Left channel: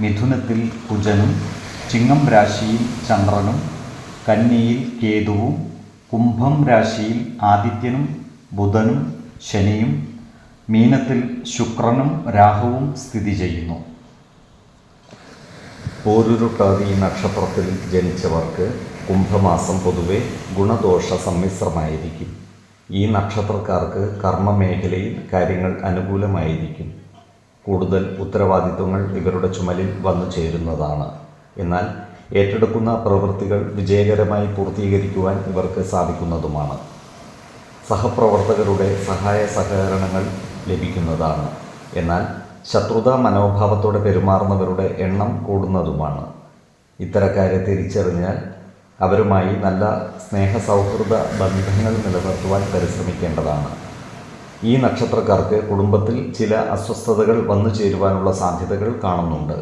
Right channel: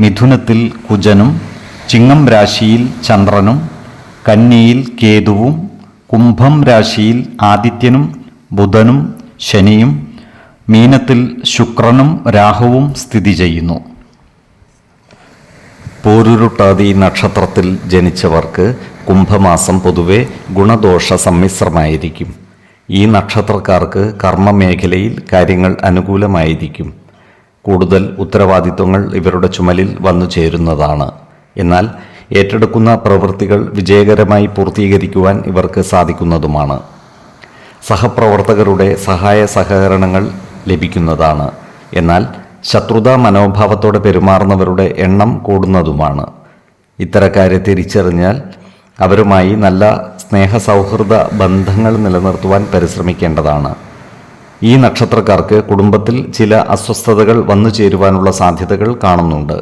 മിഥുനത്തിൽ കുജനും ചിങ്ങം രാശിയിൽ ചന്ദ്രനും കന്നിയിൽ കേതുവും കുംഭം രാശിയിൽ ആദിത്യനും ബുധനും ശനിയും മീനത്തിൽ ശുക്രനും രാഹുവും സ്ഥിതി ചെയ്യുന്നു. പോരുരുട്ടാതി നക്ഷത്രത്തിൽ ജനിച്ചവർക്ക് കുംഭമാസം പൊതുവെ ഗുണദോഷ സമ്മിശ്രമായിരിക്കും. ഈ നക്ഷത്രക്കാർക്ക് കർമ്മമേഖലയിൽ കാര്യങ്ങൾ അനുകൂലമായിരിക്കും. കൂടുതൽ ഉത്തരവാദിത്വങ്ങൾ ഇവരുടെ ചുമലിൽ വന്നു ചേരുന്നതാണ്. എന്നാൽ ഏറ്റെടുക്കുന്ന പ്രവൃത്തികൾ വിജയകരമായി പൂർത്തീകരിക്കുവാൻ ഇവർക്ക് സാധിക്കുന്നതുമാണ്. സഹപ്രവർത്തകരുടെ സഹായ സഹകരണങ്ങൾ ലഭിക്കുന്നതാണ്. എന്നാൽ ശത്രുതാ മനോഭാവത്തോടെ പെരുമാറുന്നവരുടെ എണ്ണം കൂടുന്നതുമാണ്. ഇത്തരക്കാരെ തിരിച്ചറിഞ്ഞാൽ അവരുമായി നല്ല സ്നേഹ സൗഹൃദ ബന്ധങ്ങൾ നിലനിർത്തുവാൻ പരിശ്രമിക്കേണ്ടതാണ്. ഈ നക്ഷത്രക്കാർക്ക് കുടുംബത്തിൽ ചില അസ്വസ്ഥതകൾ വന്നു ചേരുവാനുള്ള സാധ്യതകൾ കാണുന്നുണ്ട്.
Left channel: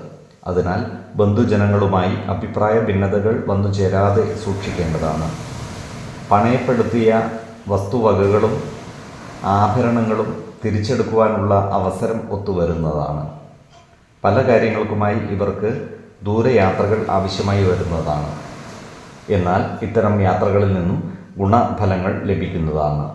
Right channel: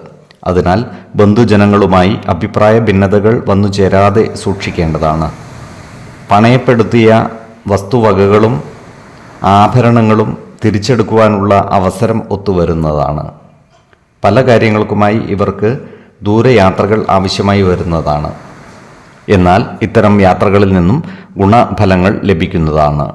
അതിനാൽ ബന്ധുജനങ്ങളുമായി അഭിപ്രായ ഭിന്നതകൾ വന്നു ചേരാതെ സൂക്ഷിക്കേണ്ടതാണ്. പണയപ്പെടുത്തിയ വസ്തുവകകളും ആഭരണങ്ങളും തിരിച്ചെടുക്കുവാനുള്ള അവസരം ഒത്തുവരുന്നതാണ്. പല കാര്യങ്ങൾക്കുമായി ഇവർക്ക് ദൂരയാത്രകൾ ആവശ്യമായി വരുന്നതാണ്. എന്നാൽ ഇത്തരം യാത്രകളിൽ നിന്നും ഗുണഫലങ്ങൾ ലഭിക്കുന്നതാണ്.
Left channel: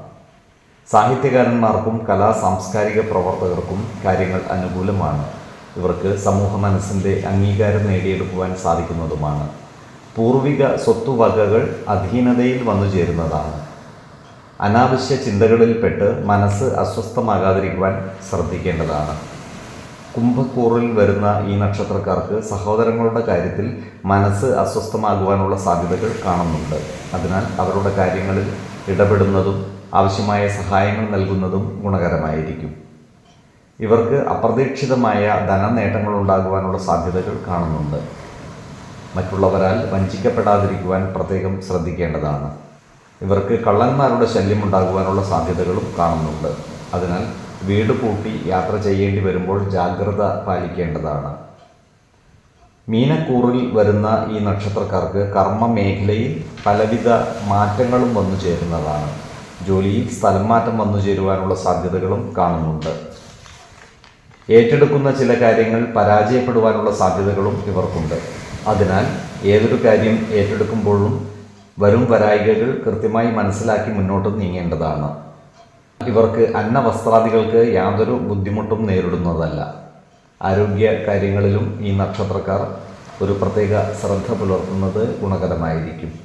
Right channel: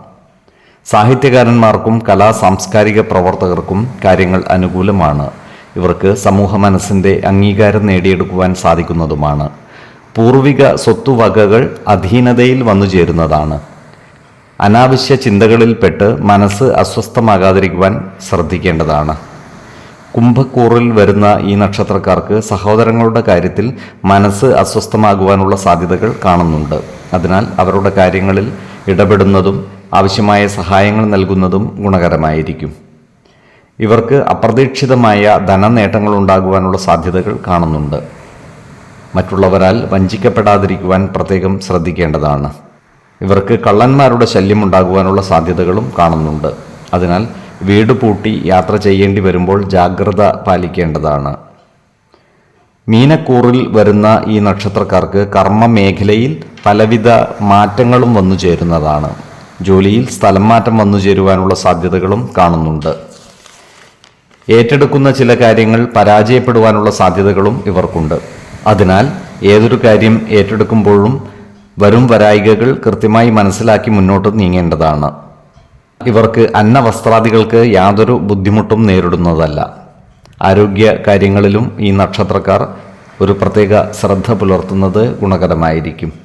സാഹിത്യകാരന്മാർക്കും കലാ സാംസ്കാരിക പ്രവർത്തകർക്കും കാര്യങ്ങൾ അനുകൂലമാണ്. ഇവർക്ക് സമൂഹ മനസ്സിന്റെ അംഗീകാരം നേടിയെടുക്കുവാൻ സാധിക്കുന്നതുമാണ്. പൂർവിക സ്വത്തുവകകൾ അധീനതയിൽ വന്നു ചേരുന്നതാണ്. അനാവശ്യ ചിന്തകളിൽപ്പെട്ട് മനസ്സ് അസ്വസ്ഥമാകാതിരിക്കുവാൻ ശ്രദ്ധിക്കേണ്ടതാണ്. കുംഭക്കൂറിൽ വരുന്ന ഈ നക്ഷത്രക്കാർക്ക് സഹോദരങ്ങളുടെ കാര്യത്തിൽ മനസ്സ് അസ്വസ്ഥമാകുവാനുള്ള സാധ്യതകൾ കാണുന്നുണ്ട്. അതിനാൽ അവരുടെ കാര്യങ്ങളിൽ ഇടപെടുന്നതും ആവശ്യമായ സഹായങ്ങൾ നൽകുന്നതും ഗുണകരമായിരിക്കും. ഇവർക്ക് അപ്രതീക്ഷിതമായ ധനനേട്ടങ്ങൾ ഉണ്ടാകുവാനുള്ള സാധ്യതകൾ കാണുന്നുണ്ട്. മറ്റുള്ളവരാൽ വഞ്ചിക്കപ്പെടാതിരിക്കുവാൻ പ്രത്യേകം ശ്രദ്ധിക്കേണ്ടതാണ്. ഇവർക്ക് കള്ളന്മാരുടെ ശല്യം ഉണ്ടാകുവാനുള്ള സാധ്യതകളും കാണുന്നുണ്ട്. അതിനാൽ വീട് പൂട്ടി യാത്ര ചെയ്യേണ്ടി വരുമ്പോൾ ജാഗ്രത പാലിക്കേണ്ടതാണ്. മീനക്കൂറിൽ വരുന്ന ഈ നക്ഷത്രക്കാർക്ക് കർമ്മ മേഖലയിൽ പലവിധ മാറ്റങ്ങളും വന്നു ചേരുന്നതാണ് ജോലിയിൽ സ്ഥലം മാറ്റം വന്നു ചേരുവാനുള്ള സാധ്യതകളും കാണുന്നുണ്ട്. ഏറ്റെടുക്കുന്ന ചില കാര്യങ്ങൾ പരാജയപ്പെടുവാനുള്ള സാധ്യതകളും ഇവർക്കുണ്ട്. അതിനാൽ ഏതൊരു കാര്യം ഏറ്റെടുക്കുമ്പോഴും വരും വരായികകൾ കൃത്യമായി മനസ്സിലാക്കി മുന്നോട്ട് നീങ്ങേണ്ടതാണ്. ഇവർക്ക് അന്നവസ്ത്രാദികൾക്ക് യാതൊരു ബുദ്ധിമുട്ടും നേരിടുന്നതല്ല. ആരോഗ്യ കാര്യങ്ങളിലും ഈ നക്ഷത്രക്കാർ ഒരു പ്രത്യേക ശ്രദ്ധ പുലർത്തുന്നത് ഗുണകരമായിരിക്കും.